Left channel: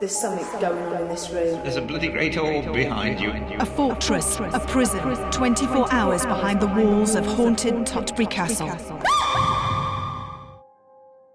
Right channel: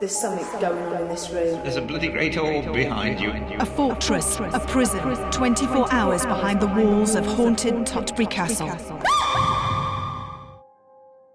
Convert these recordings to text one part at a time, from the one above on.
There's something going on in this room. There's a bloody great orb behind you. A fortress, a prison, 24 hours behind the walls of haunted Tutbury Castle.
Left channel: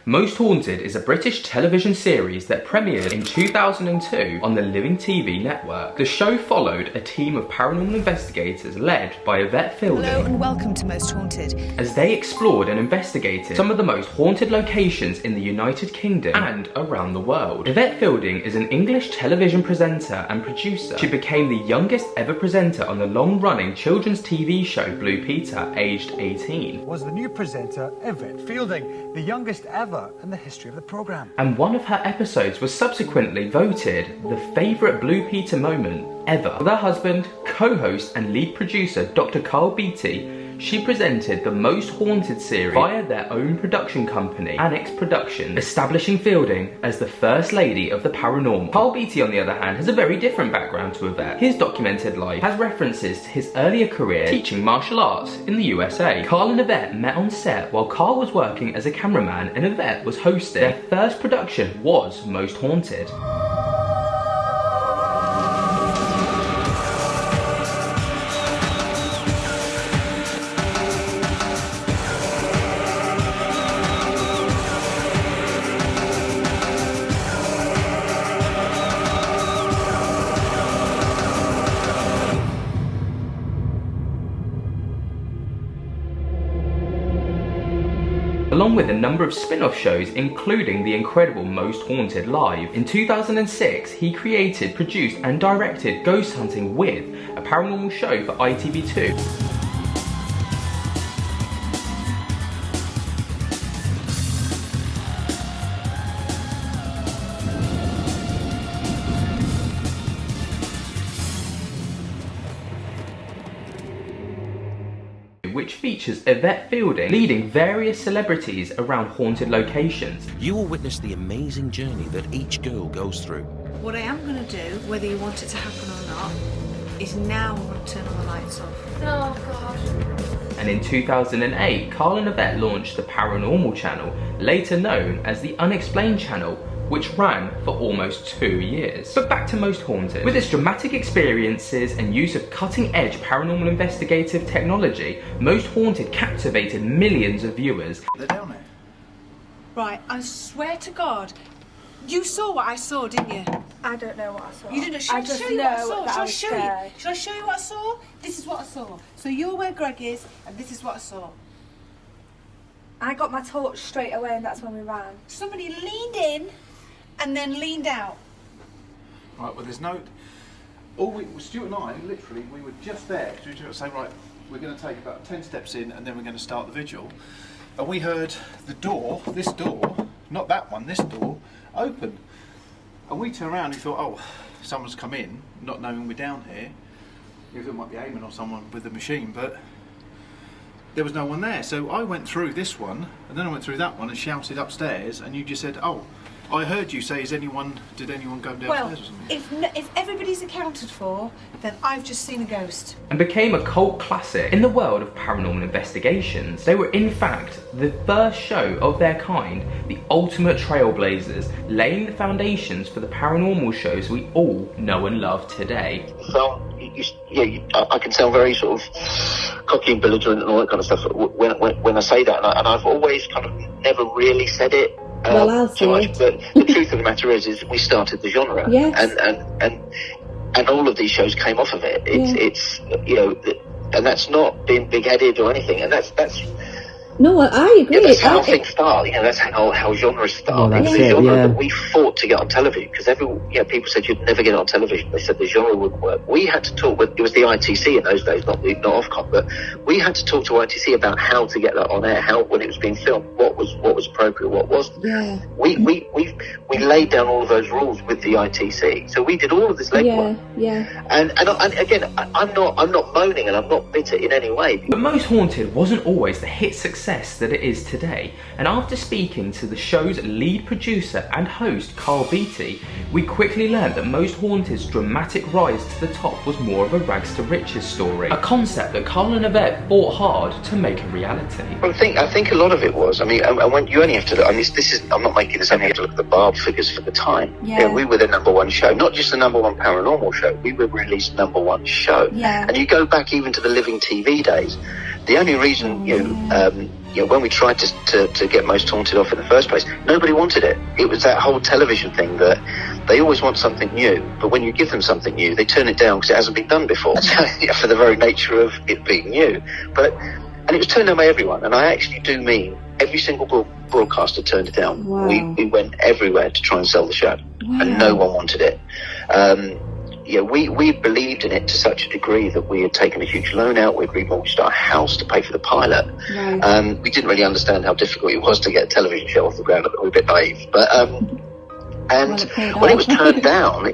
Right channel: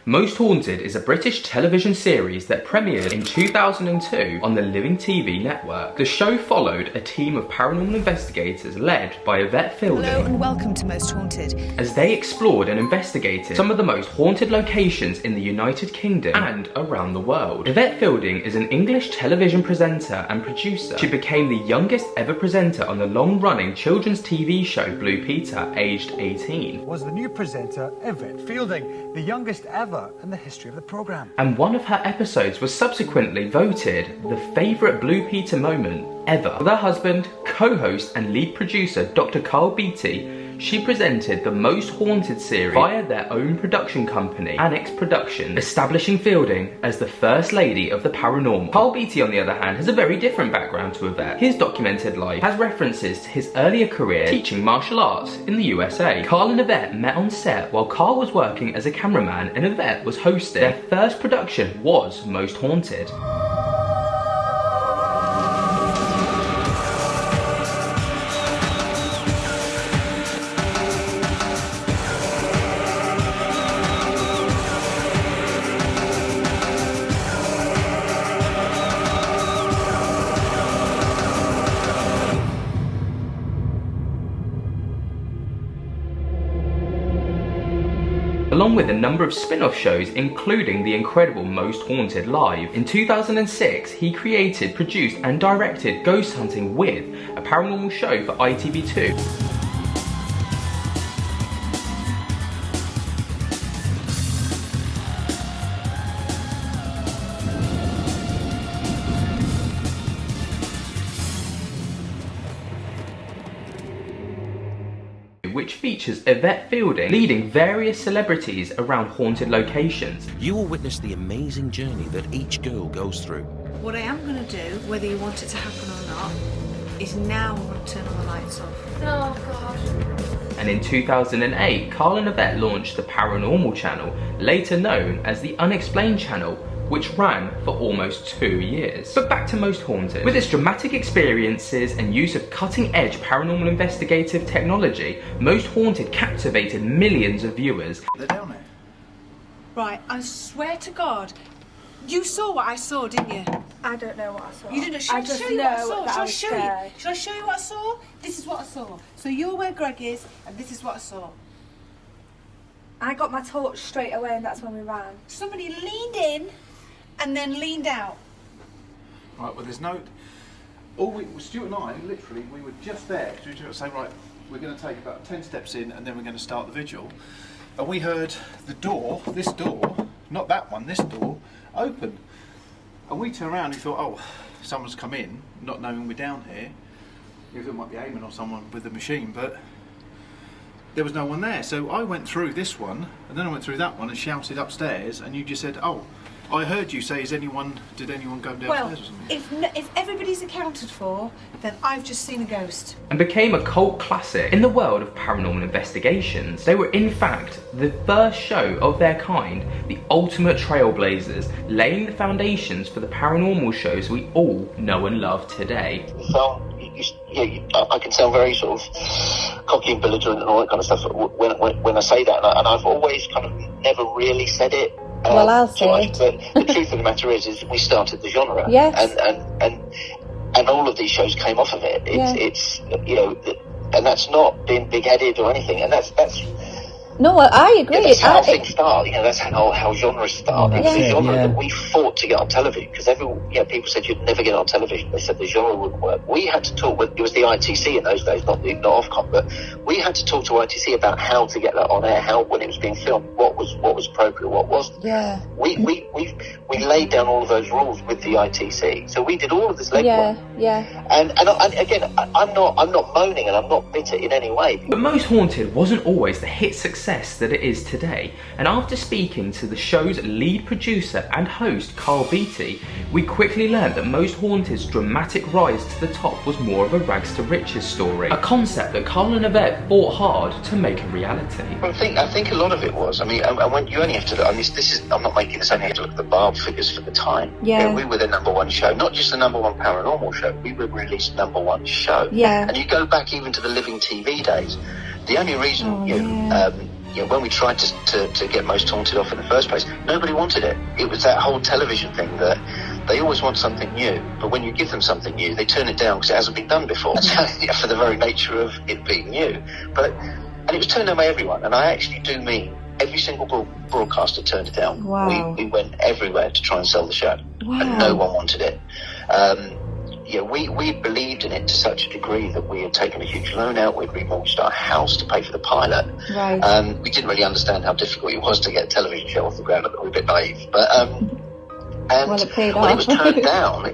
Most Haunted is a British television series that premiered in 2002 on the Living TV network. The show followed a team of paranormal investigators led by Yvette. Hello and welcome to Most Haunted. As they explored and investigated some of the most haunted locations in the United Kingdom and around the world. Yvette is an English television presenter and producer. She became the youngest ever presenter on the long-running children's TV show Blue Peter, aged 18. Was the new presenter Yvette Fielding, the youngest ever in the history of the programme. And one of her episodes was subsequently voted the favourite Blue Peter moment ever. With her husband, co-host and lead producer Dr. Karl Beattie, she presented the Most Haunted series via their own production company, Annex Productions, establishing Fielding as the first lady of the paranormal. Karl Beattie, on the other hand, has a very different background to Yvette. His documented life has references to his earlier career teaching martial arts in the USA. Karl and Yvette met on set while Karl was working as a cameraman and Yvette was hosting. Their first production was Most Haunted. Along with a number of spin-off shows including the incredible Most Haunted Live. In 2006, he created, produced and directed Ghost Hunting With, a paranormal show for ITV2. Which features Yvette Fielding leading various celebrities around haunted locations. You will witness the amazing journey that each girl goes through. What I am going to do, whether you want it to happen or not, is now I'm going to turn all the lights off. Oh God. And in 2008, Karl and Yvette launched the Paranormal channel, later known as the Unexplained channel, which ran for almost 2 years. But back to Most Haunted. With its dramatic experiences and use of cutting-edge paranormal investigative technology, Most Haunted captivated millions of viewers. They're down there. Right, I swear to God, you saw what I saw, didn't you? I don't know what I saw. You didn't. Shall I show you what I saw? Shall I show you? Shall I show you what I saw? This is what I saw. So you're where Greg is, and this is what I saw. I got my torch straight away, and that's when we ran. Somebody leaned in and then leaned out. Right, well there's no... Stuart and I, literally, we were just there. We were saying, right, we're going to take about 10 steps in and then we're going to start the vigil. And we heard the door, this door, not that one, this door, open. And we turned around and we thought, oh, someone's come in, not knowing we're down here. We thought it might be Eamon or someone with the machine, but there was no one there. So I went through this one, and then I went through that one and shouted upstairs, and you just said, oh, I heard you say, did anyone go downstairs or something? If everybody's accounted for, then I've just seen a ghost. And became a cult classic in the world of paranormal investigations. They were in fact the first show of their kind, the ultimate trailblazers, laying the foundations for the paranormal shows we all know and love today. So, I can sound very sort of cocky and belligerent and all that kind of stuff when I say that, and I've always kind of never really said it. Well, I'll say it. But the truth of the matter is we started the genre. Yes. And all of these shows came off of it. It's you know, and that's not being big-headed or anything, and that's. No, I agree. That's how things start. You know, that's how genres start. Yeah, that's the it, genre yeah. that we fought to get on television because people said you'd never get on television. They said the genre wouldn't work. We had to talk. It was the ITC in those days, not Ofcom, but we had to talk to ITC about how to get that on air. How when it was being filmed, what was appropriate, what wasn't. Yeah. We laid down all of those rules with the ITC. So we did all of this legwork. Yeah. And again, I'm not moaning and I'm not bitter in any way. But Most Haunted wasn't always the hit success that it is today, and after speaking to the show's lead producer and host Karl Beattie, we quickly learned that Most Haunted's dramatic rise to the top was more of a rags to riches story, a concept that Karl and Yvette fought hard to make a reality. I think a lot of it was. I mean, when you only have to. I mean, I'm not making this only with the bar top figures for the time. Yeah. We were the #1 show, not just the #1 paranormal show. We were released #1 show. Yeah. And you go back even to the Living TV days. The only reason, when we tried to get Most Haunted off in the first place, nobody wanted it. It was that whole television thing that they always want something new, but when you give them something new, they turn it down because it hasn't been done before. For the very nature of it being new. And it was turned down by everyone, and I actually do mean every single broadcaster turned it down. Wow. We went everywhere to try and sell the show, and no one wanted it. We believed in it to such a degree that we had taken a huge loan out. We'd remortgaged our house to pay for the pilot. Right. We didn't really understand how difficult it was to get a television show off the ground. We were a bit naive, but and Well, it paid when it off. was turned down,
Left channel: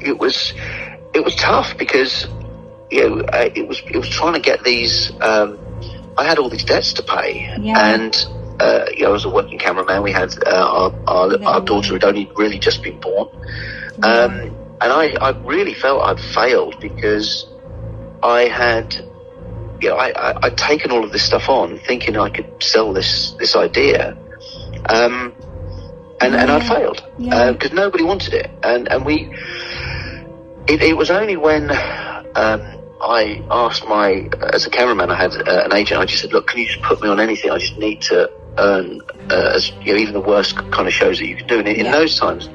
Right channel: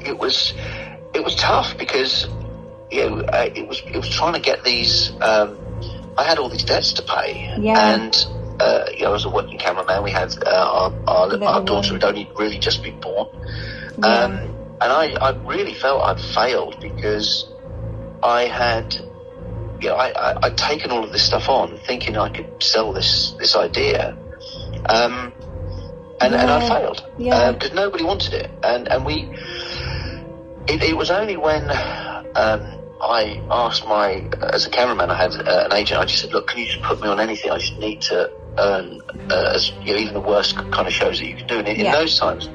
it was tough because it was trying to get these. I had all these debts to pay, and I was a working cameraman. We had our daughter had only really just been born. And I really felt I'd failed because I had, I'd taken all of this stuff on thinking I could sell this idea, and I failed because nobody wanted it, and it was only when I asked as a cameraman, I had an agent. I just said, look, can you just put me on anything? I just need to earn even the worst kind of shows that you could do. And in those times,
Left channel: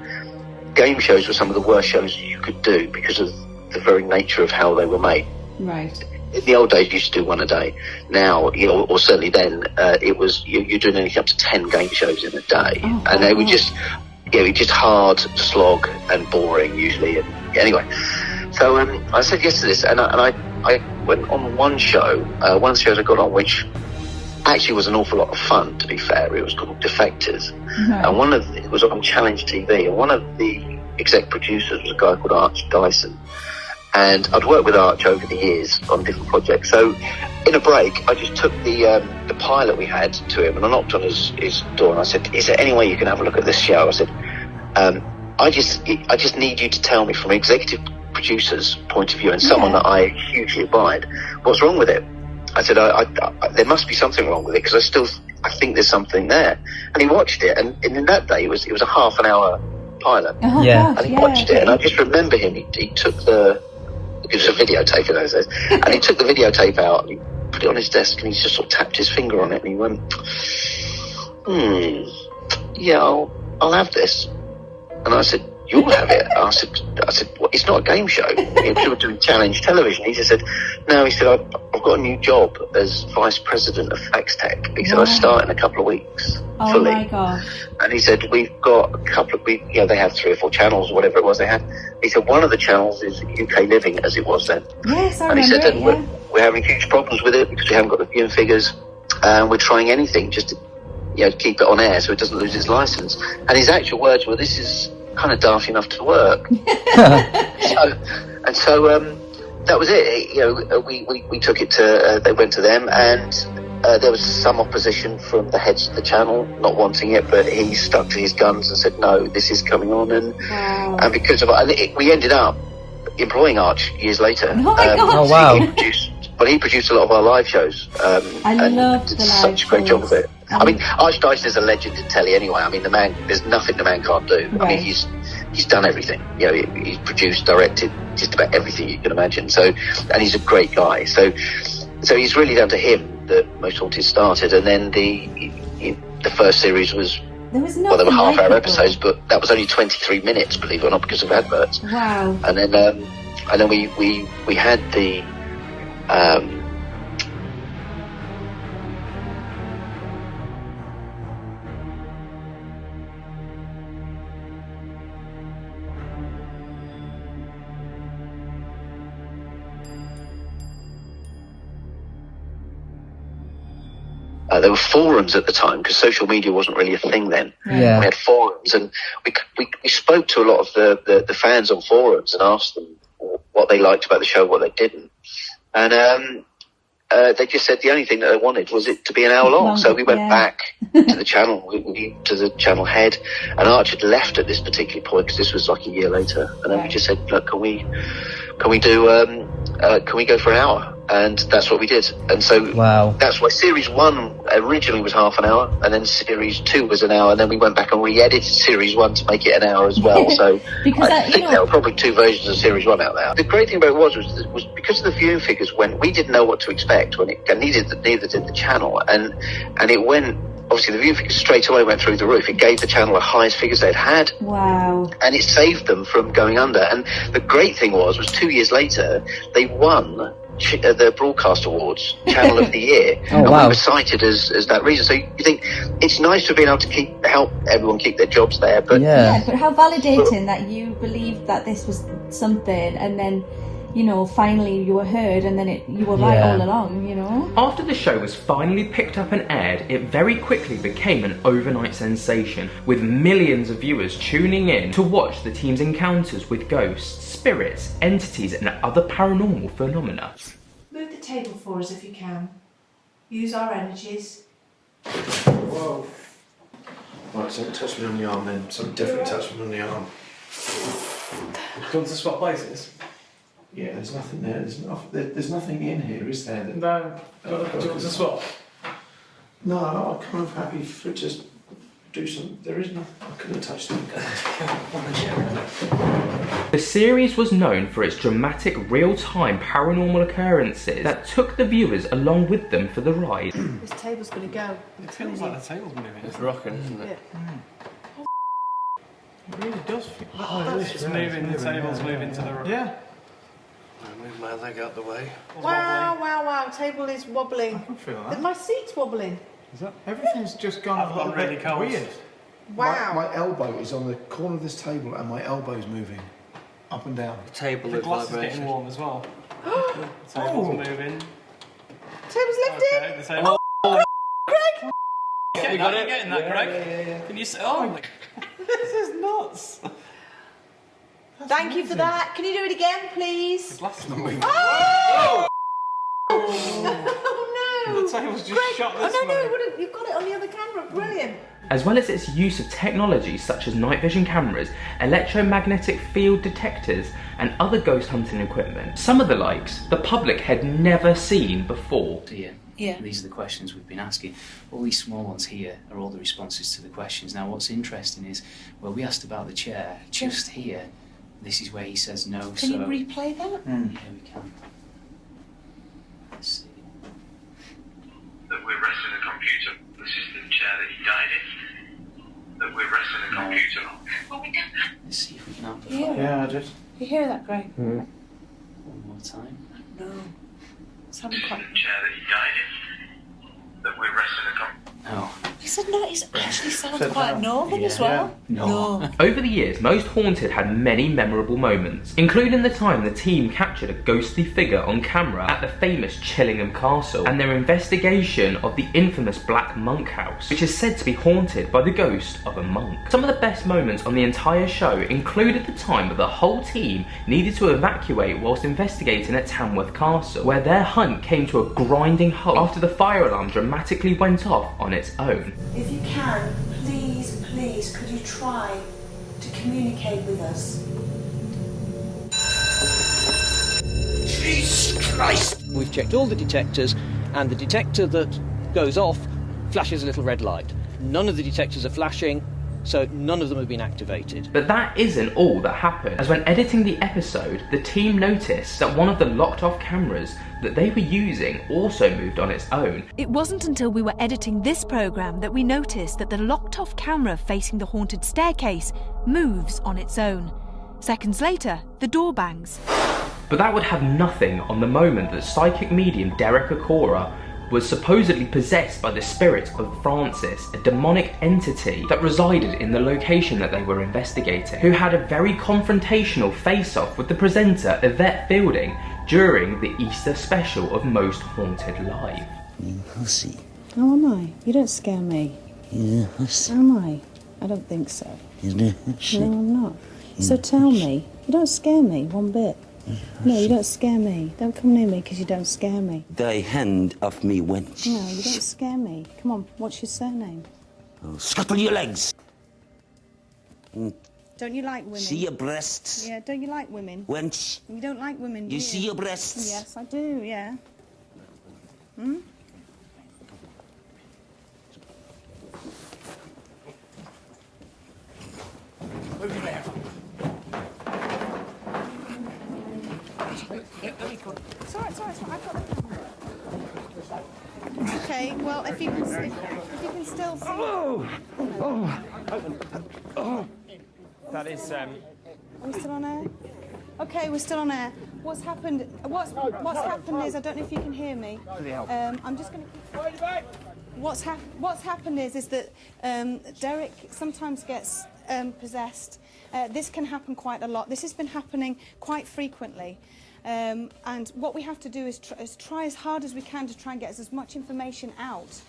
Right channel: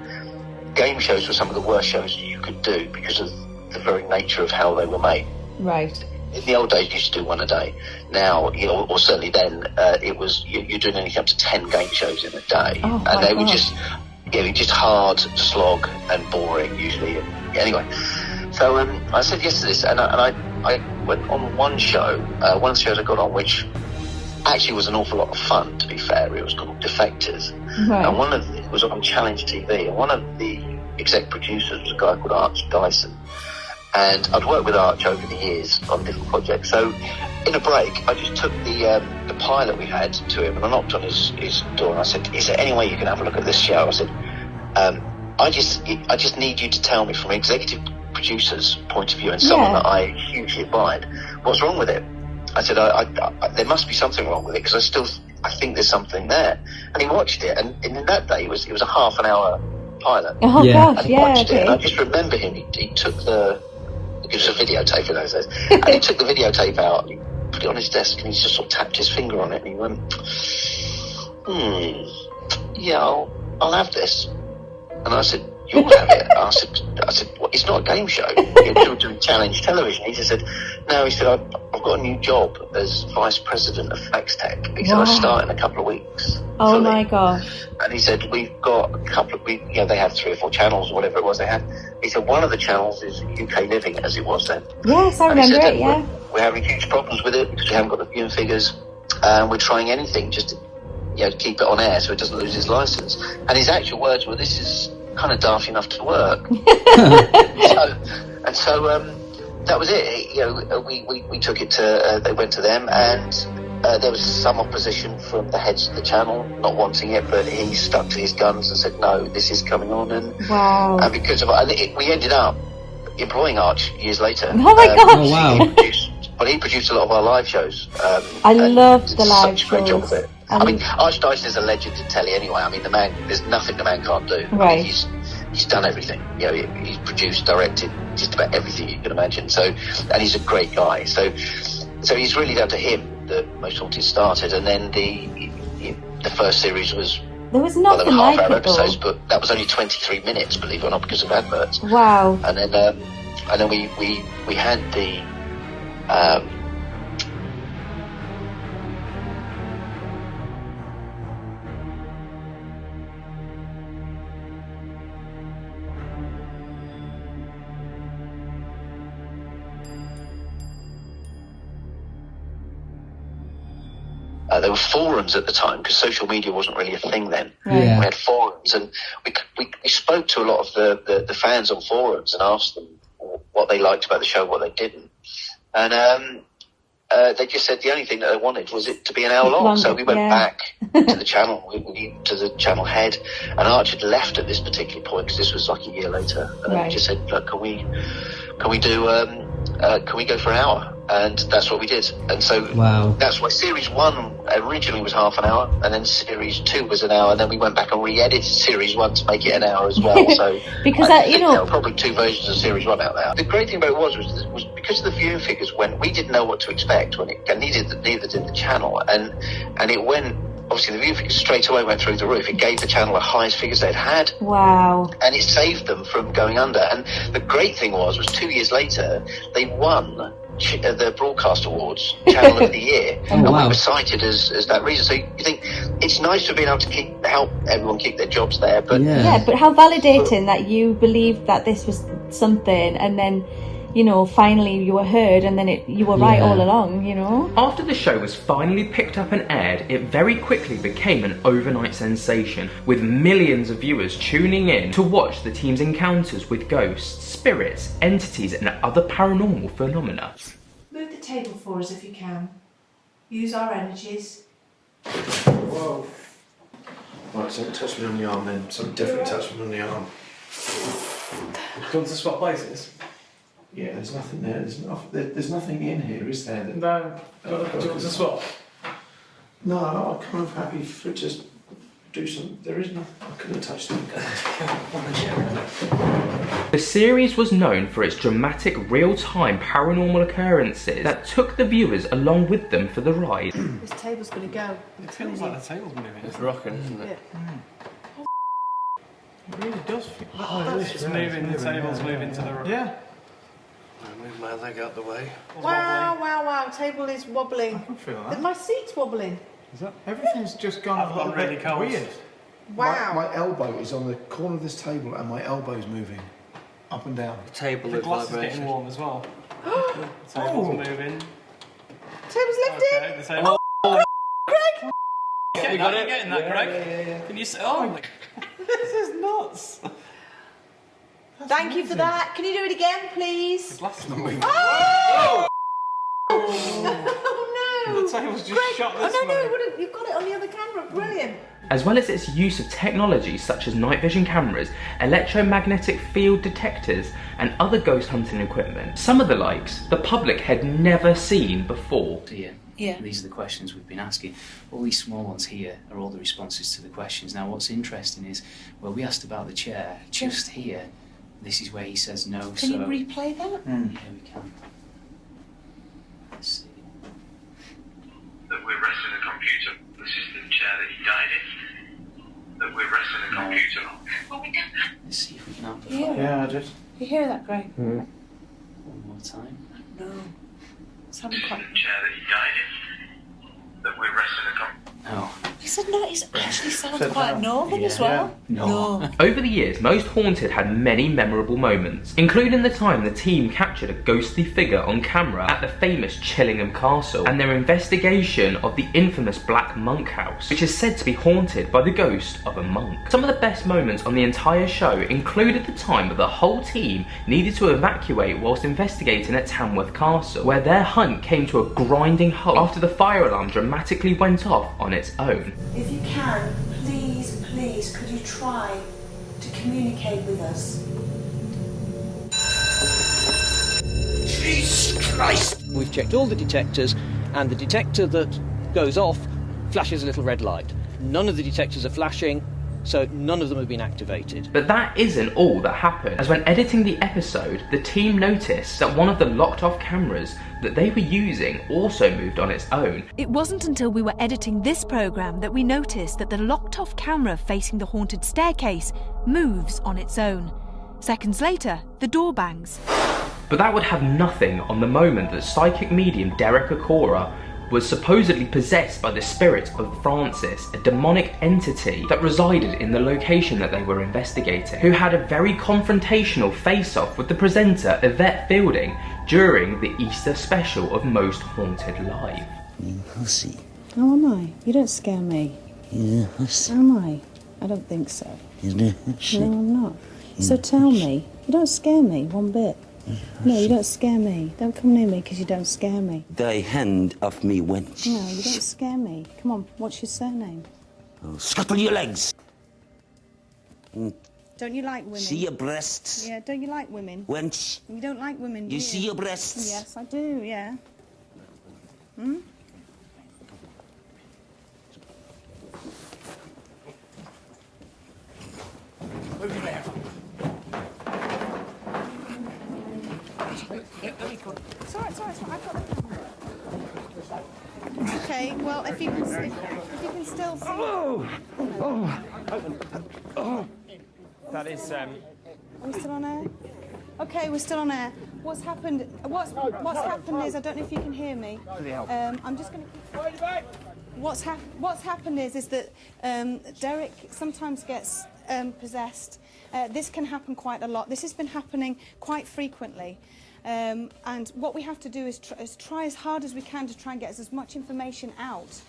game shows were some of the worst shows you could do because of the very nature of how they were made. Right. In the old days, you used to do one a day. Now, or certainly then, it was you're doing anything up to 10 game shows in a day, and they were just hard, slog, and boring usually. And, anyway, so I said yes to this, and I went on one show that I got on, which actually was an awful lot of fun. To be fair, it was called Defectors, and it was on Challenge TV, and one of the exec producers was a guy called Arch Dyson. And I'd worked with Arch over the years on different projects. So in a break, I just took the pilot we had to him, and I knocked on his door and I said, is there any way you can have a look at this show? I said, I just need you to tell me from an executive producer's point of view and someone that I hugely abide, what's wrong with it? I said, there must be something wrong with it because I think there's something there. And he watched it, and in that day it was a half an hour pilot. Oh gosh, and he watched it, and I just remember him. He took it was a videotape in those days, and he took the videotape out, he put it on his desk, and he just sort of tapped his finger on it, and he went, I'll have this. And I said, you'll have it. And I said, well, it's not a game show. You're doing challenge television. He just said, no. He said, I've got a new job as vice president of Fax Tech because I start in a couple of weeks. Oh my gosh. And he said, we've got a couple of weeks. They had 3 or 4 channels, whatever it was they had. He said, one of the channels is UK Living, as it was then. Yes, I remember it. Yeah. We're having huge problems with it because we haven't got the viewing figures, and we're trying anything just to keep it on air so it doesn't lose his license. And his actual words were, this is kind of daft enough to work. So that was it. We took it to, they went to them, and there was some opposition from the heads of the channel, not wanting it, but he stuck to his guns and said, no, this is coming on. And because of it, we ended up employing Arch years later. Oh my gosh. Oh wow. He produced a lot of our live shows. I loved the live such a great job of shows. it. I mean, Arch Dyson is a legend in telly anyway. I mean, the man, there's nothing the man can't do. Right. I mean, he's done everything. He's produced, directed, just about everything you can imagine. So, and he's a great guy. So he's really down to him that Most Haunted started. And then the first series was. There was nothing like it episodes, but that was only 23 minutes, believe it or not, because of adverts. Wow. And then we had the. There were forums at the time because social media wasn't really a thing then. Right. Yeah. We had forums, and we spoke to a lot of the fans on forums and asked them what they liked about the show, what they didn't, and they just said the only thing that they wanted was it to be an hour long. So we went back to the channel, to the channel head, and Arch had left at this particular point because this was like a year later, and they just said, look, can we go for an hour? And that's what we did. And so that's why series 1 originally was half an hour, and then series 2 was an hour, and then we went back and re-edited series 1 to make it an hour as well. So because there were probably 2 versions of series 1 out there. The great thing about it was because the viewing figures went, we didn't know what to expect, and neither did the channel, and it went. Obviously, the viewing figures straight away went through the roof. It gave the channel the highest figures they'd had. Wow. And it saved them from going under. And the great thing was 2 years later, they won the Broadcast Awards, Channel of the Year. And we were cited as that reason. So you think, it's nice to be able to help everyone keep their jobs there. But yeah, but how validating that you believed that this was something, and then, you know, finally you were heard, and then you were right all along, you know? After the show was finally picked up and aired, it very quickly became an overnight sensation, with millions of viewers tuning in to watch the team's encounters with ghosts, spirits, entities and other paranormal phenomena. Move the table for us if you can. Use our energies. Whoa. Right, so touch me on the arm then. Something different touch me on the arm. Do you want to swap places? Yeah, there's nothing there. There's nothing in here, is there? No. Do you want to swap? No, I'm kind of happy for just do some. There is nothing. I couldn't have touched them. The series was known for its dramatic real-time paranormal occurrences that took the viewers along with them for the ride. This table's going to go. It feels like the table's moving. It's rocking, isn't it? It really does feel it's moving, the table's moving to the right. Yeah. I move my leg out the way. Wow, table is wobbling. I can feel that. My seat's wobbling. Is that everything's just gone a little bit weird. Wow. My elbow is on the corner of this table, and my elbow's moving up and down. The table The is glass is vibration. getting warm as well. The table's moving. Table's lifted. Okay, the table. Craig! You got it? Getting that, Craig? Yeah. Can you say? Oh my! This is nuts. Thank you for that. Can you do it again, please? The glass is not moving. Oh! Oh no! The table's just shot this way. No, you've got it on the other camera. Brilliant. As well as its use of technology such as night vision cameras, electromagnetic field detectors and other ghost hunting equipment, some of the likes the public had never seen before. Yeah. These are the questions we've been asking. All these small ones here are all the responses to the questions. Now what's interesting is, well, we asked about the chair just here. This is where he says no. Can you replay that? Yeah, we can. Let's see. That we're resting a computer. This is the chair that he died in. That we're resting a computer on. Well, we don't. Let's see if we can amplify. Yeah, I did. You hear that, Greg? One more time. No. It's having This quite. is the chair that he died in. That we're resting a computer. No. He said no. It actually sounds quite northern as well. No. Over the years, Most Haunted had many memorable moments, including the time the team captured a ghostly figure on camera at the famous Chillingham Castle, and their investigation of the infamous Black Monk House, which is said to be haunted by the ghost of a monk. Some of the best moments on the entire show included the time that the whole team needed to evacuate whilst investigating at Tamworth Castle, where their hunt came to a grinding halt after the fire alarm dramatically went off on its own. If you can, please, could you try to communicate with us? Jesus Christ! We've checked all the detectors, and the detector that goes off flashes a little red light. None of the detectors are flashing, so none of them have been activated. But that isn't all that happened, as when editing the episode, the team noticed that one of the locked off cameras that they were using also moved on its own. It wasn't until we were editing this programme that we noticed that the locked off camera facing the haunted staircase moves on its own. Seconds later, the door bangs. But that would have nothing on the moment that psychic medium Derek Okora was supposedly possessed by the spirit of Francis, a demonic entity that resided in the location that they were investigating, who had a very confrontational face-off with the presenter Yvette Fielding during the Easter special of Most Haunted Live. You hussy. Oh, am I? You don't scare me. You're a hussy. Am I? I don't think so. You're a hussy. No, I'm not. So tell me, you don't scare me one bit. No, you don't scare me. Don't come near me because you don't scare me. Thy hand off me, wench. No, you don't scare me. Come on, what's your surname? Oh, scuttle your legs. Don't you like women? See your breasts. Yeah, don't you like women? Wench. You don't like women, do You you? see your breasts? Yes, I do, yeah. Hmm? Over there. It's alright, I've got the camera. Okay, well, if you can still see... That is, Are we still on air? Okay, we're still on air. What's happened is, I don't know if you can hear me. I'm just going to keep... What's happened is that Derek sometimes gets possessed. This can happen quite a lot. This has been happening quite frequently. And what we have to do is try as hard as we can to try and get as much information out,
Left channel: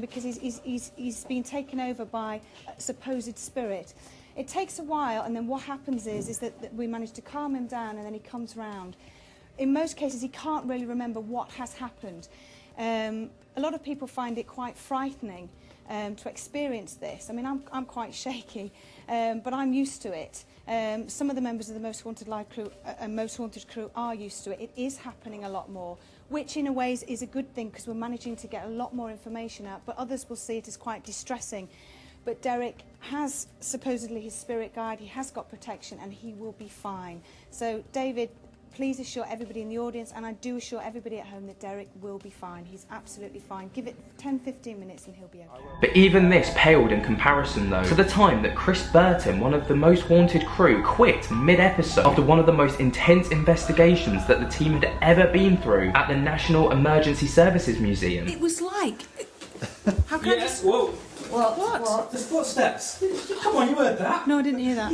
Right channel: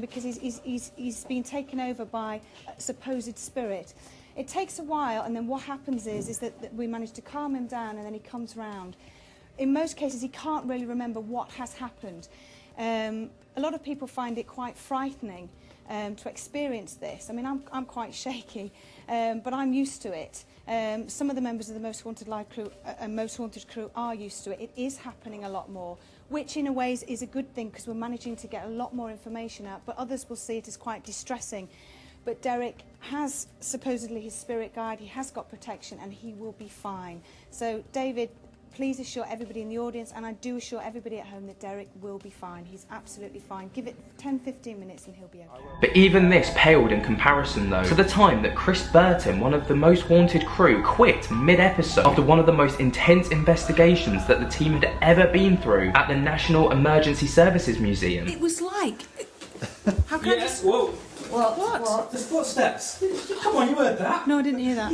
because he's been taken over by a supposed spirit. It takes a while, and then what happens is that we manage to calm him down, and then he comes round. In most cases, he can't really remember what has happened. A lot of people find it quite frightening to experience this. I mean, I'm quite shaky, but I'm used to it. Some of the members of the Most Haunted Live crew and Most Haunted crew are used to it. It is happening a lot more, which in a way is a good thing because we're managing to get a lot more information out, but others will see it as quite distressing. But Derek has supposedly his spirit guide, he has got protection, and he will be fine. So, David, please assure everybody in the audience, and I do assure everybody at home, that Derek will be fine. He's absolutely fine. Give it 10-15 minutes and he'll be okay. But even this paled in comparison though to the time that Chris Burton, one of the Most Haunted crew, quit mid-episode after one of the most intense investigations that the team had ever been through at the National Emergency Services Museum. It was like... How can I just... Whoa. What? There's footsteps. Come on, you heard that? No, I didn't hear that.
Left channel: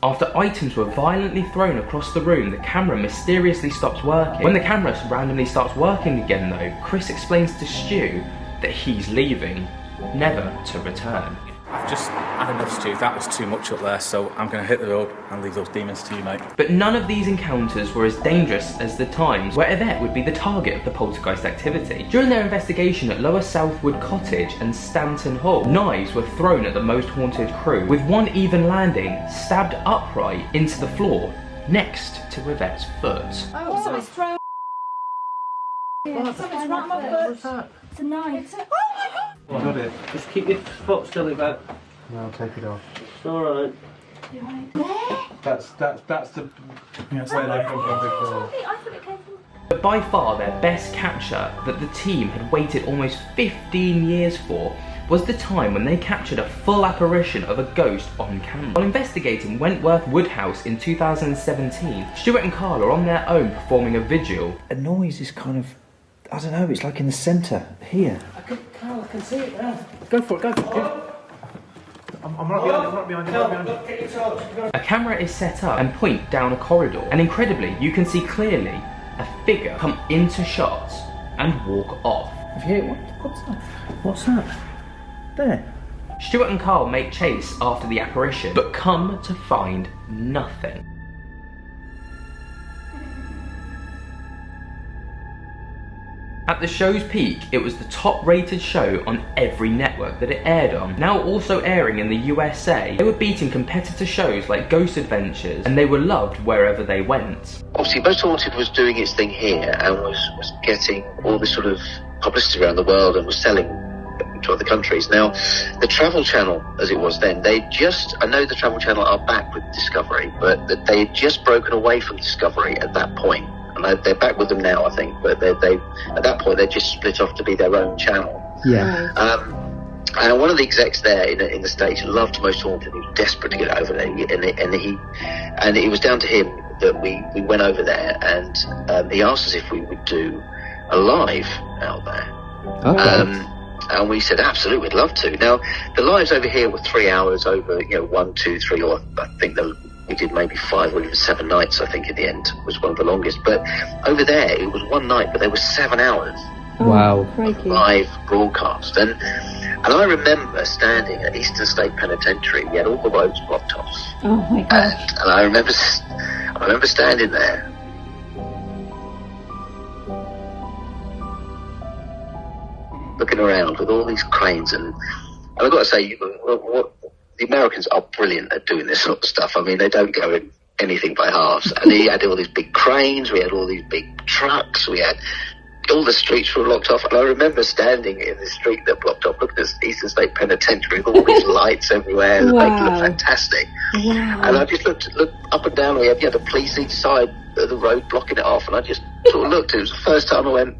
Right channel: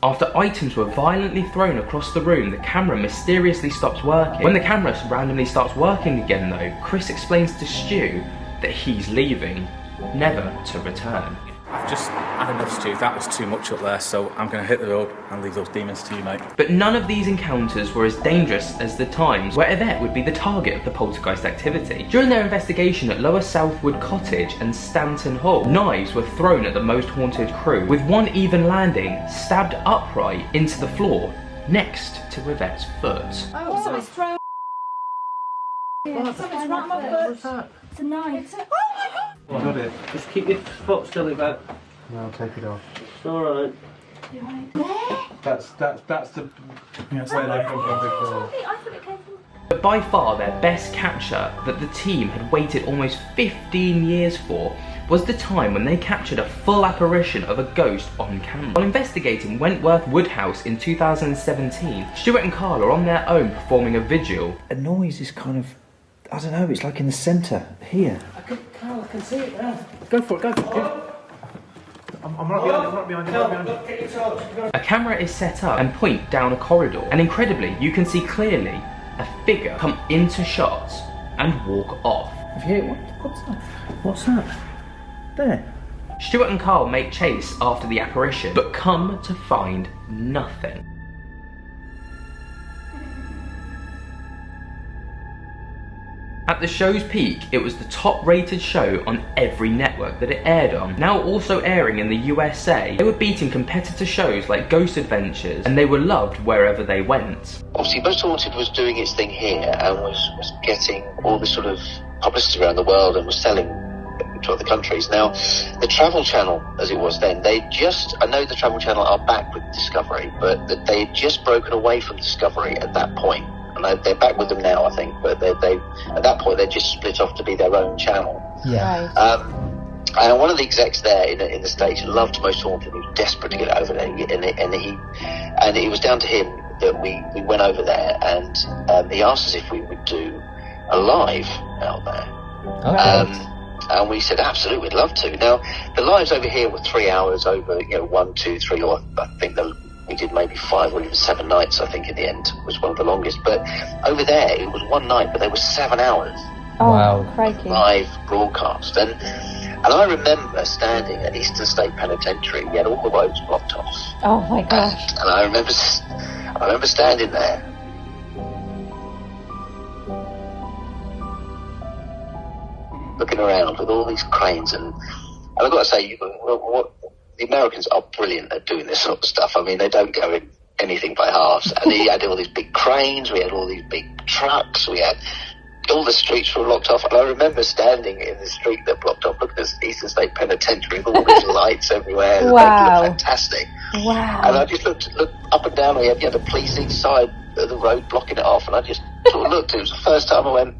After items were violently thrown across the room, the camera mysteriously stops working. When the camera randomly starts working again though, Chris explains to Stu that he's leaving, never to return. I've just had enough, Stu. That was too much up there, so I'm going to hit the road and leave those demons to you, mate. But none of these encounters were as dangerous as the times where Yvette would be the target of the poltergeist activity. During their investigation at Lower Southwood Cottage and Stanton Hall, knives were thrown at the Most Haunted crew, with one even landing stabbed upright into the floor next to Yvette's foot. Oh, so it's thrown. Yeah, something's right on my foot. What's that? It's a knife. Oh my god! Got it. Just keep your foot still, Yvette. No, I'll take it off. It's alright. That's the... Yeah, where they come from before. I thought it came from... But by far their best capture that the team had waited almost 15 years for was the time when they captured a full apparition of a ghost on camera. While investigating Wentworth Woodhouse in 2017, Stuart and Karl are on their own performing a vigil. A noise is kind of, I don't know, it's like in the centre, here. Karl, I can see it now. Go for it. I'm right behind you. A camera is set up and point down a corridor, and incredibly, you can see clearly a figure come into shot and walk off. Have you heard what's that? What's that? There. Stuart and Karl make chase after the apparition, but come to find nothing. At the show's peak, it was the top-rated show on every network that it aired on. Now also airing in the USA, they were beating competitor shows like Ghost Adventures, and they were loved wherever they went. Obviously, Most Haunted was doing its thing here and was getting all this sort of publicity around the world and was selling to other countries. Now, the Travel Channel, as it was then, I know the Travel Channel are back with Discovery, but they had just broken away from Discovery at that point. And they're back with them now, I think, but they at that point they just split off to be their own channel. Yeah. And one of the execs there in the States loved Most Haunted, he was desperate to get over there, and it was down to him that we went over there, and he asked us if we would do a live out there. Okay. And we said, absolutely, we'd love to. Now, the lives over here were 3 hours over, 1, 2, 3, or I think we did maybe 5 or even 7 nights, I think, in the end, was one of the longest. But over there, it was 1 night, but there were 7 hours. Wow. Live broadcast. And I remember standing at Eastern State Penitentiary, he had all the roads blocked off. Oh my gosh. And I remember standing there. Looking around with all these cranes, and I've got to say, the Americans are brilliant at doing this sort of stuff. I mean, they don't go in anything by half. I mean, we had all these big cranes, we had all these big trucks, we had all the streets were locked off, and I remember standing in the street that blocked off, looking at Eastern State Penitentiary with all these lights everywhere. Wow. It was fantastic. Wow. And I just looked up and down, we had the police inside the road blocking it off, and I just sort of looked. It was the first time I went,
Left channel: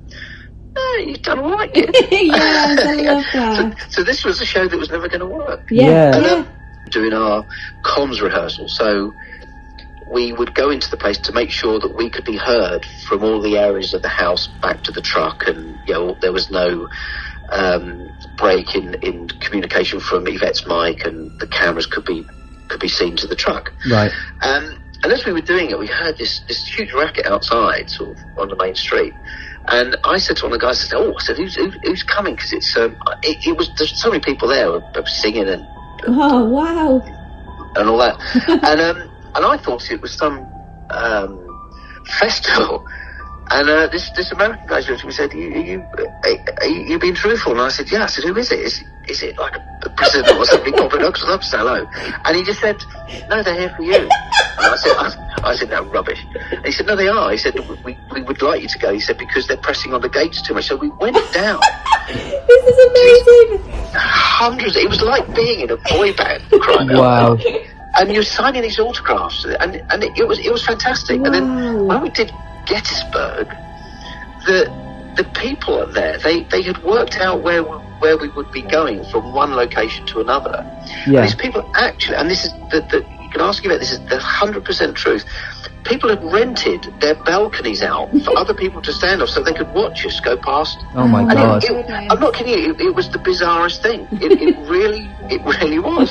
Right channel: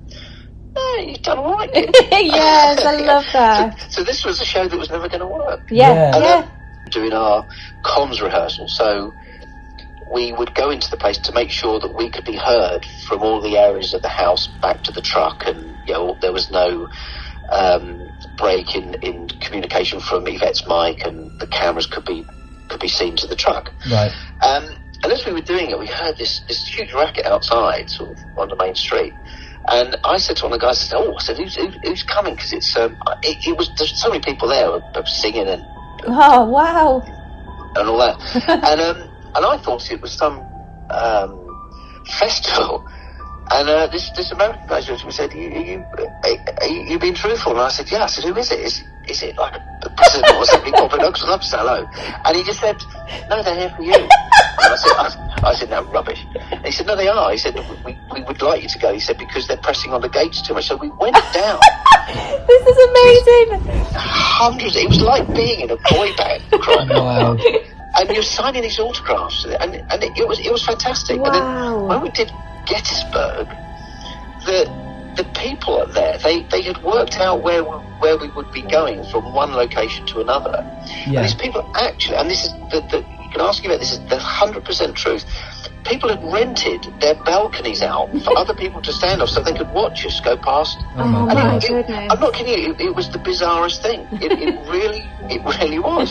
hey, you've done all right. Yes, I love that. So this was a show that was never going to work. Yeah. And doing our comms rehearsal, so we would go into the place to make sure that we could be heard from all the areas of the house back to the truck, and there was no break in communication from Yvette's mic, and the cameras could be seen to the truck. Right. And as we were doing it, we heard this huge racket outside, sort of on the main street. And I said to one of the guys, who's coming? Because there's so many people there singing and Oh, wow. and all that. And I thought it was some festival. And this American guy said, are you being truthful? And I said, yeah. I said, who is it? Is it like a president or something? I'd love to say hello. And he just said, no, they're here for you. And I said, I think that's rubbish. And he said, no, they are. He said, we would like you to go. He said, because they're pressing on the gates too much. So we went down. This is amazing. Hundreds. It was like being in a boy band. Wow. And he was signing his autographs, and it was fantastic. Wow. And then when we did Gettysburg, the people up there, they had worked out where we would be going from one location to another. Yeah. These people actually, and this is can I ask you that this is the 100% truth. People had rented their balconies out for other people to stand on so they could watch us go past. Oh my God. I'm not kidding you, it was the bizarrest thing. It really was.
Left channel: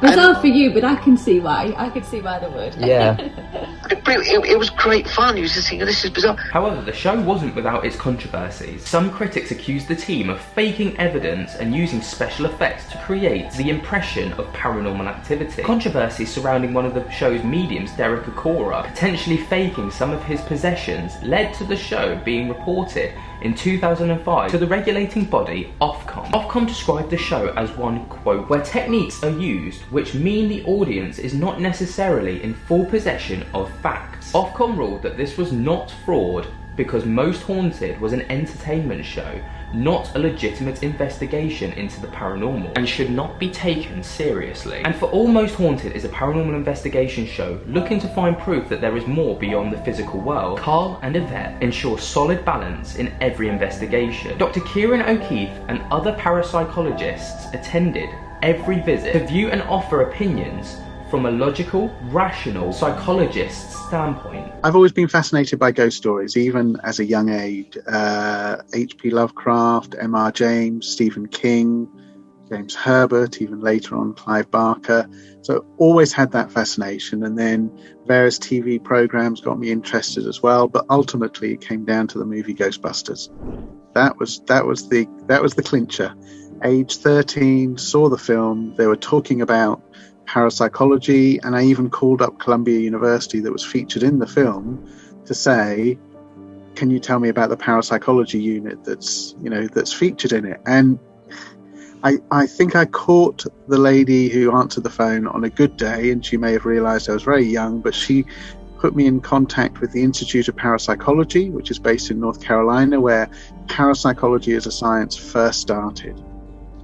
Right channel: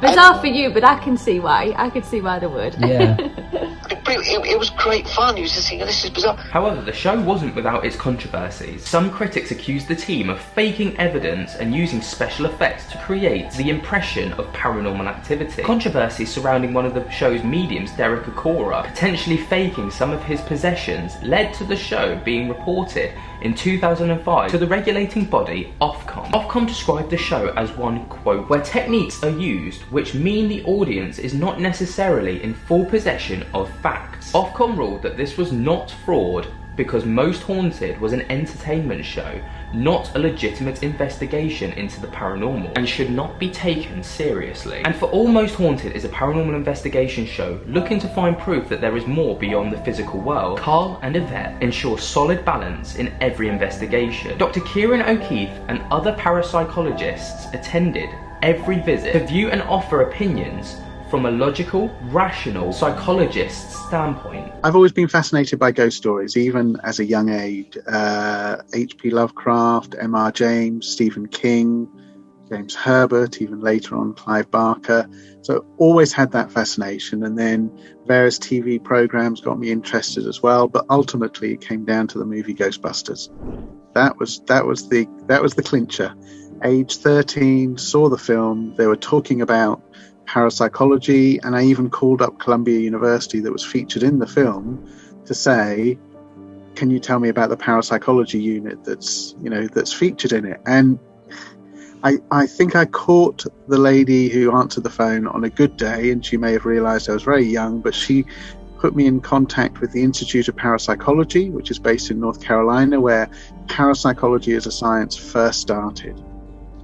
Bizarre for you, but I can see why. I could see why they would. Yeah. It was great fun. You was just thinking, this is bizarre. However, the show wasn't without its controversies. Some critics accused the team of faking evidence and using special effects to create the impression of paranormal activity. Controversies surrounding one of the show's mediums, Derek Okora, potentially faking some of his possessions, led to the show being reported in 2005 to the regulating body Ofcom. Ofcom described the show as one, quote, where techniques are used which mean the audience is not necessarily in full possession of facts. Ofcom ruled that this was not fraud because Most Haunted was an entertainment show, not a legitimate investigation into the paranormal, and should not be taken seriously. And for all Most Haunted is a paranormal investigation show looking to find proof that there is more beyond the physical world, Karl and Yvette ensure solid balance in every investigation. Dr. Kieran O'Keefe and other parapsychologists attended every visit to view and offer opinions from a logical, rational psychologist's standpoint. I've always been fascinated by ghost stories, even as a young age. H.P. Lovecraft, M.R. James, Stephen King, James Herbert, even later on Clive Barker. So always had that fascination, and then various TV programs got me interested as well. But ultimately, it came down to the movie Ghostbusters. That was the clincher. Age 13, saw the film. They were talking about parapsychology, and I even called up Columbia University that was featured in the film to say, can you tell me about the parapsychology unit that's featured in it? And I think I caught the lady who answered the phone on a good day, and she may have realized I was very young, but she put me in contact with the Institute of Parapsychology, which is based in North Carolina, where parapsychology as a science first started.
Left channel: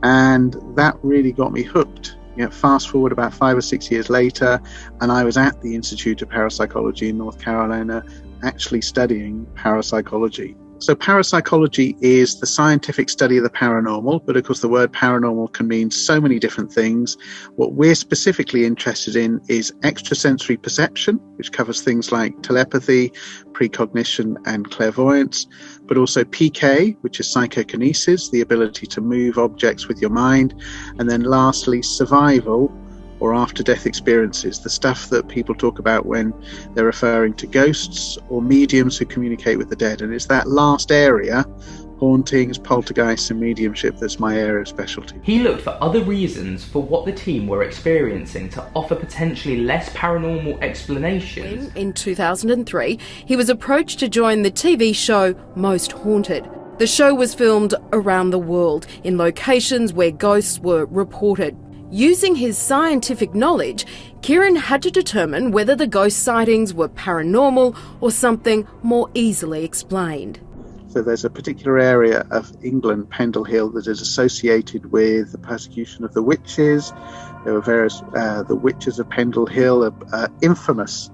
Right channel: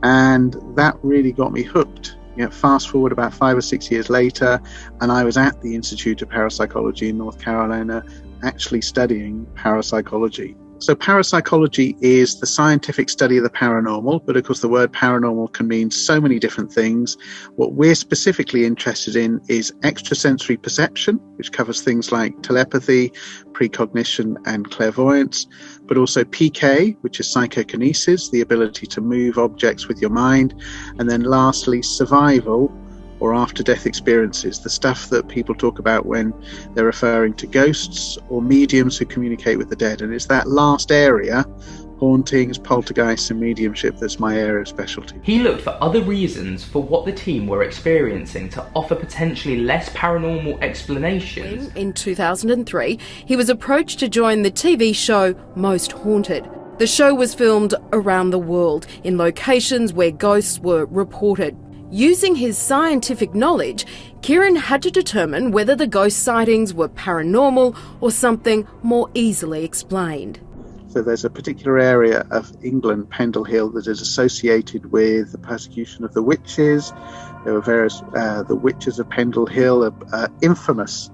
And that really got me hooked. Fast forward about 5 or 6 years later, and I was at the Institute of Parapsychology in North Carolina actually studying parapsychology. So parapsychology is the scientific study of the paranormal, but of course the word paranormal can mean so many different things. What we're specifically interested in is extrasensory perception, which covers things like telepathy, precognition, and clairvoyance, but also PK, which is psychokinesis, the ability to move objects with your mind, and then lastly, survival, or after-death experiences, the stuff that people talk about when they're referring to ghosts or mediums who communicate with the dead. And it's that last area, hauntings, poltergeists and mediumship, that's my area of specialty. He looked for other reasons for what the team were experiencing to offer potentially less paranormal explanations. In 2003, he was approached to join the TV show Most Haunted. The show was filmed around the world in locations where ghosts were reported. Using his scientific knowledge, Kieran had to determine whether the ghost sightings were paranormal or something more easily explained. So there's a particular area of England, Pendle Hill, that is associated with the persecution of the witches. There were various, the witches of Pendle Hill are infamous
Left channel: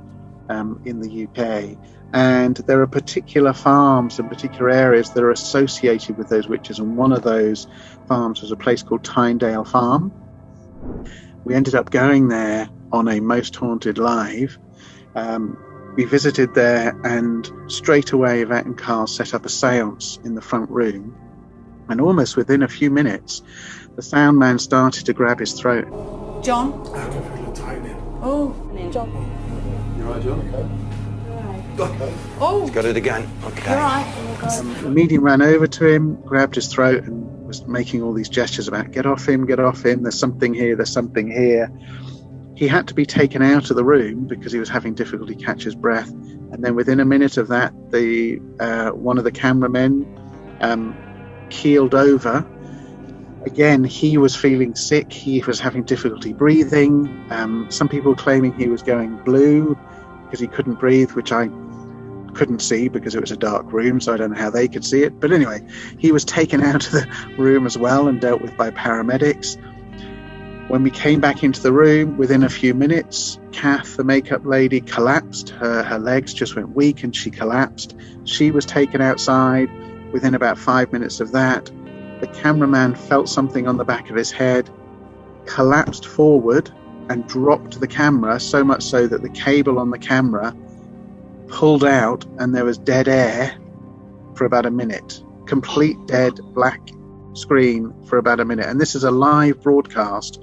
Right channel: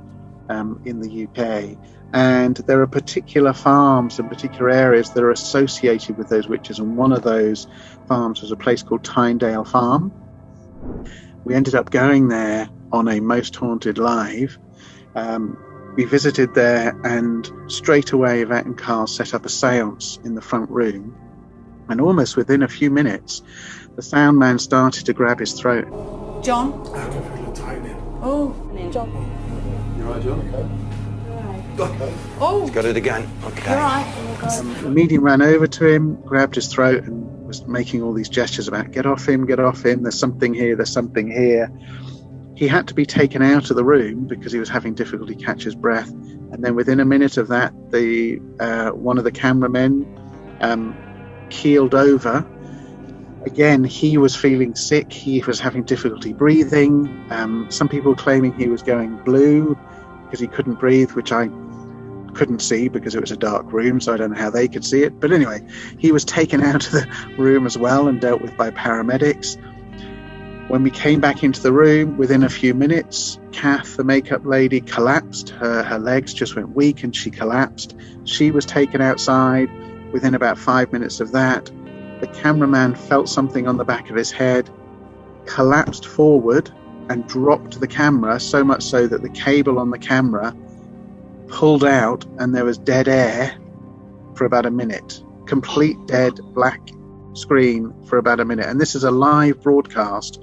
in the UK. And there are particular farms and particular areas that are associated with those witches. And one of those farms was a place called Tynedale Farm. We ended up going there on a Most Haunted Live. We visited there, and straight away Yvette and Karl set up a seance in the front room. And almost within a few minutes, the sound man started to grab his throat. John? I can feel it tightening. Oh, John. You all right, John? Oh, He's got it again. Okay. you're right. The medium ran over to him, grabbed his throat, and was making all these gestures about, get off him, there's something here, there's something here. He had to be taken out of the room because he was having difficulty catch his breath. And then within a minute of that, one of the cameramen keeled over. Again, he was feeling sick. He was having difficulty breathing. Some people claiming he was going blue because he couldn't breathe, which I couldn't see because it was a dark room, so I don't know how they could see it. But anyway, he was taken out of the room as well and dealt with by paramedics. When we came back into the room, within a few minutes, Kath, the makeup lady, collapsed. Her legs just went weak and she collapsed. She was taken outside. Within about 5 minutes of that, the cameraman felt something on the back of his head, collapsed forward and dropped the camera, so much so that the cable on the camera pulled out and there was dead air for about a minute. Complete dead black screen for about a minute. And this is a live broadcast.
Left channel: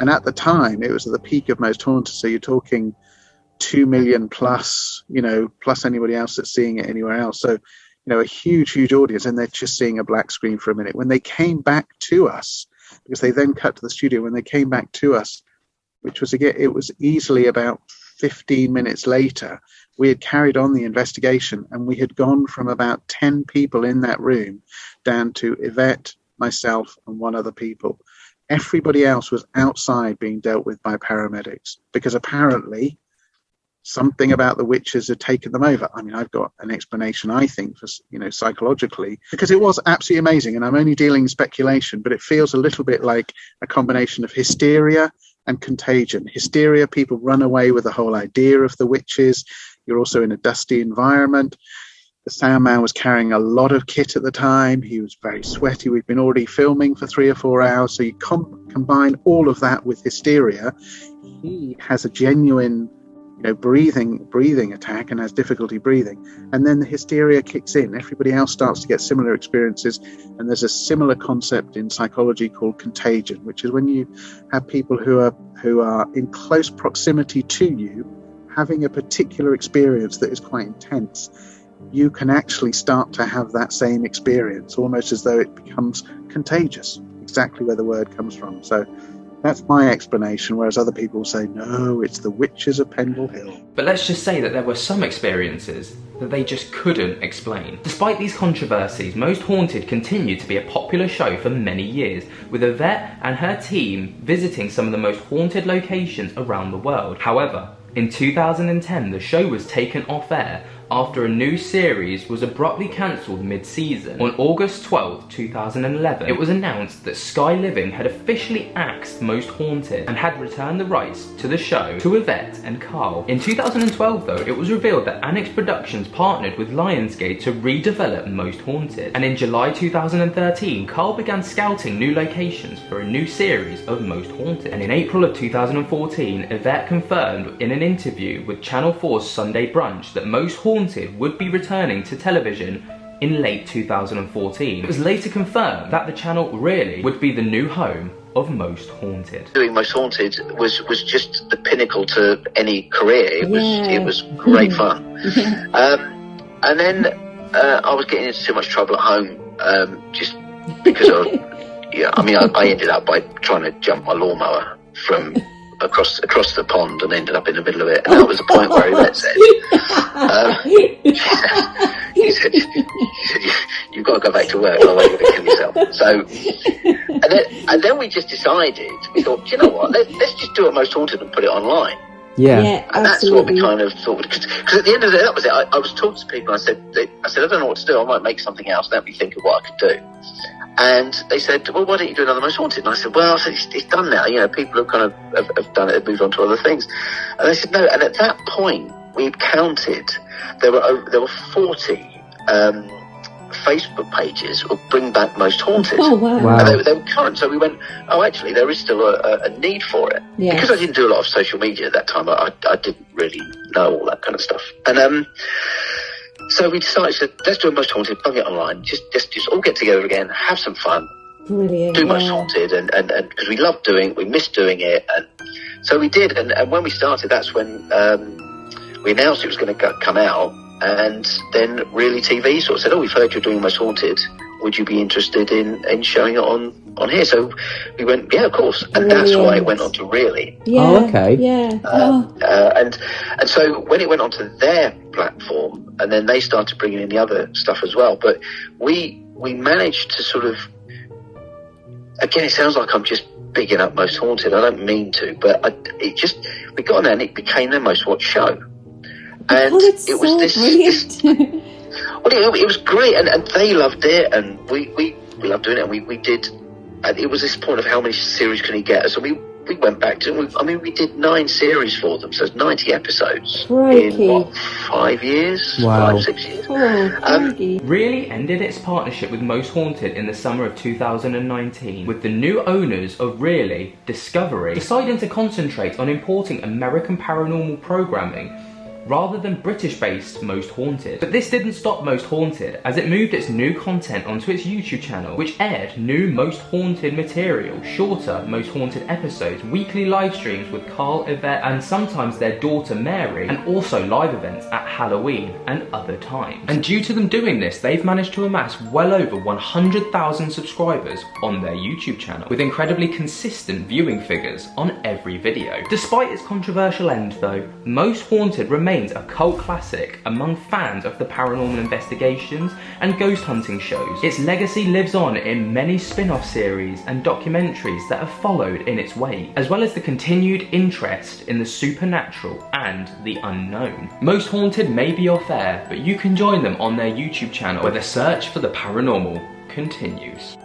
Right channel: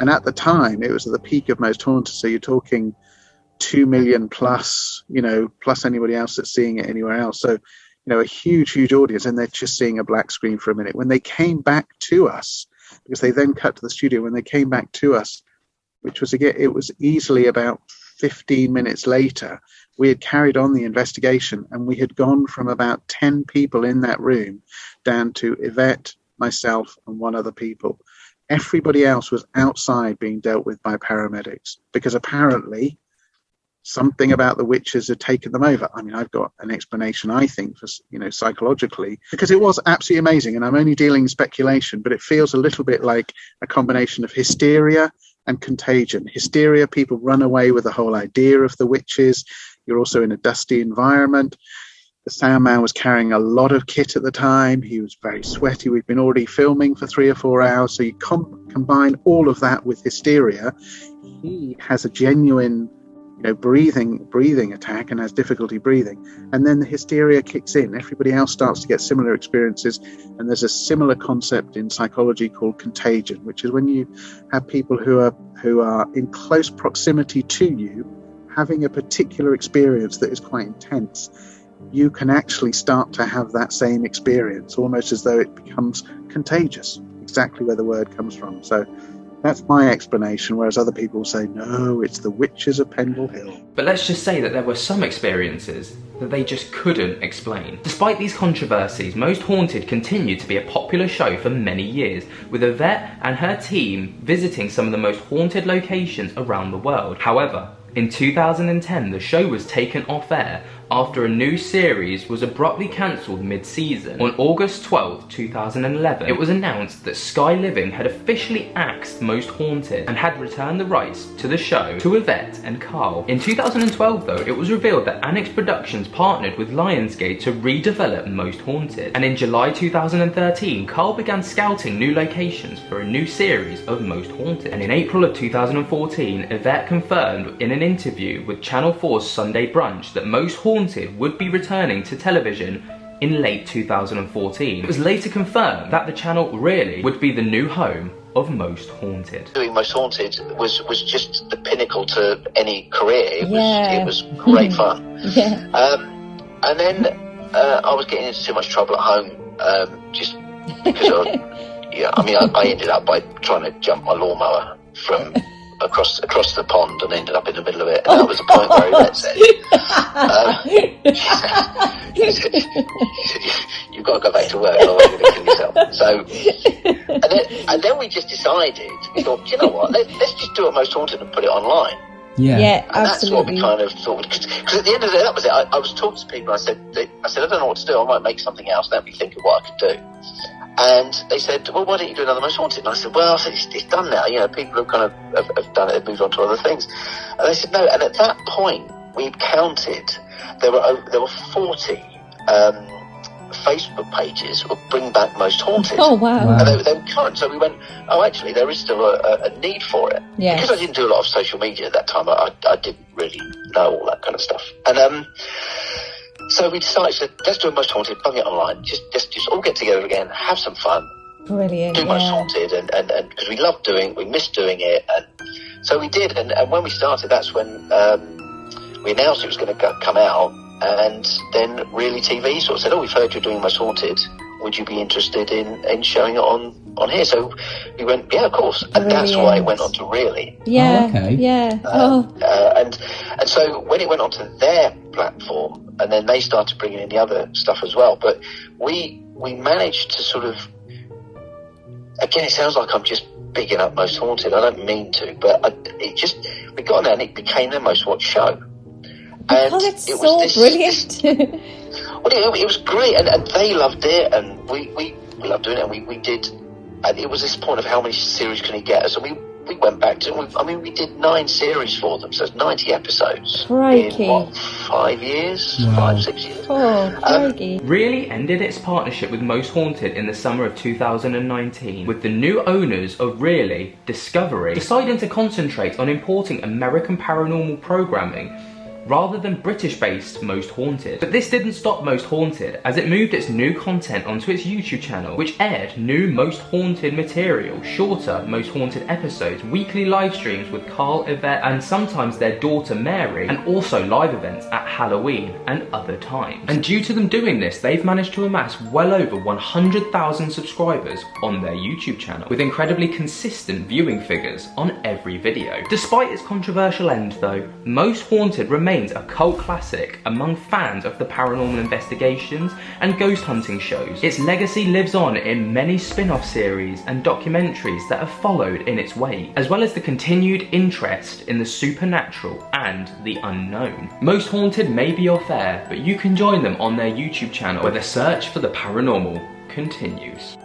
And at the time, it was at the peak of Most Haunted. So you're talking 2 million plus, plus anybody else that's seeing it anywhere else. So, a huge, huge audience. And they're just seeing a black screen for a minute. When they came back to us, because they then cut to the studio, when they came back to us, which was, again, it was easily about 15 minutes later, we had carried on the investigation and we had gone from about 10 people in that room down to Yvette, myself, and one other people. Everybody else was outside being dealt with by paramedics because apparently something about the witches had taken them over. I mean, I've got an explanation, I think, for, psychologically, because it was absolutely amazing. And I'm only dealing in speculation, but it feels a little bit like a combination of hysteria and contagion. Hysteria, people run away with the whole idea of the witches. You're also in a dusty environment. The sound man was carrying a lot of kit at the time. He was very sweaty. We'd been already filming for 3 or 4 hours. So you combine all of that with hysteria. He has a genuine, breathing attack and has difficulty breathing. And then the hysteria kicks in. Everybody else starts to get similar experiences. And there's a similar concept in psychology called contagion, which is when you have people who are in close proximity to you having a particular experience that is quite intense. You can actually start to have that same experience, almost as though it becomes contagious, exactly where the word comes from. So that's my explanation, whereas other people say, no, it's the witches of Pendle Hill. But let's just say that there were some experiences that they just couldn't explain. Despite these controversies, Most Haunted continued to be a popular show for many years, with Yvette and her team visiting some of the most haunted locations around the world. However, in 2010, the show was taken off air after a new series was abruptly cancelled mid-season. On August 12, 2011, it was announced that Sky Living had officially axed Most Haunted and had returned the rights to the show to Yvette and Karl. In 2012, though, it was revealed that Annex Productions partnered with Lionsgate to redevelop Most Haunted. And in July 2013, Karl began scouting new locations for a new series of Most Haunted. And in April of 2014, Yvette confirmed in an interview with Channel 4's Sunday Brunch that Most Haunted would be returning to television in late 2014. It was later confirmed that the channel really would be the new home of Most Haunted. Doing Most Haunted was just the pinnacle to any career. It was great fun. And then I was getting into too much trouble at home, just because I ended up by trying to jump my lawnmower from across the pond and ended up in the middle of it. And that was the point where he said, you've got to go back to work. And then we just decided, we thought, you know what, let's just do a Most Haunted and put it online. Yeah, And absolutely. that's what we kind of thought. Because at the end of the day, that was it. I was talking to people. I said, I don't know what to do. I might make something else. Let me think of what I could do. And they said, well, why don't you do another Most Haunted? And I said, well, I think it's done now. You know, people have kind of have done it, have moved on to other things. And they said, no. And at that point, we'd counted. There were 40 Facebook pages of Bring Back Most Haunted. Oh, wow. And they were current. So we went, oh, actually, there is still a need for it. Yes. Because I didn't do a lot of social media at that time, I didn't really know all that kind of stuff. And so we decided to, let's do a Most Haunted, bung it online, just all get together again, have some fun. Brilliant. Do Most Haunted, and because we loved doing it, we missed doing it, and so we did. And when we started, that's when we announced it was going to come out, and then Really TV sort of said, oh, we've heard you're doing Most Haunted, would you be interested in showing it on here? So we went, yeah, of course, and that's why it went on to Really. Yeah. Oh, okay. Yeah. And so when it went onto their platform, and then they started bringing in the other stuff as well, but we managed to sort of, again, it sounds like I'm just bigging up Most Haunted. I don't mean to, but we got on there and it became their most watched show. And Oh, it's so brilliant. Well, it was great, and they loved it, and we loved doing it, and we did. And it was this point of how many series can he get? So we went back to. I mean, we did 9 series for them, so it's 90 episodes. Crikey. In what, 5 years? Wow. 5, 6 years. Oh, crikey. Really ended its partnership with Most Haunted in the summer of 2019, with the new owners of Really, Discovery, deciding to concentrate on importing American paranormal programming rather than British-based Most Haunted. But this didn't stop Most Haunted, as it moved its new content onto its YouTube channel, which aired new Most Haunted material, shorter Most Haunted episodes, weekly live streams with Karl, Yvette, and sometimes their daughter Mary, and also live events at Halloween and other times. And due to them doing this, they've managed to amass well over 100,000 subscribers on their YouTube channel, with incredibly consistent viewing figures on every video. Despite its controversial end though, Most Haunted remains a cult classic among fans of the paranormal investigations and ghost hunting shows. Its legacy lives on in many spin-off series and documentaries that have followed in its wake, as well as the continued interest in the supernatural and the unknown. Most Haunted may be off air, but you can join them on their YouTube channel where the search for the paranormal continues.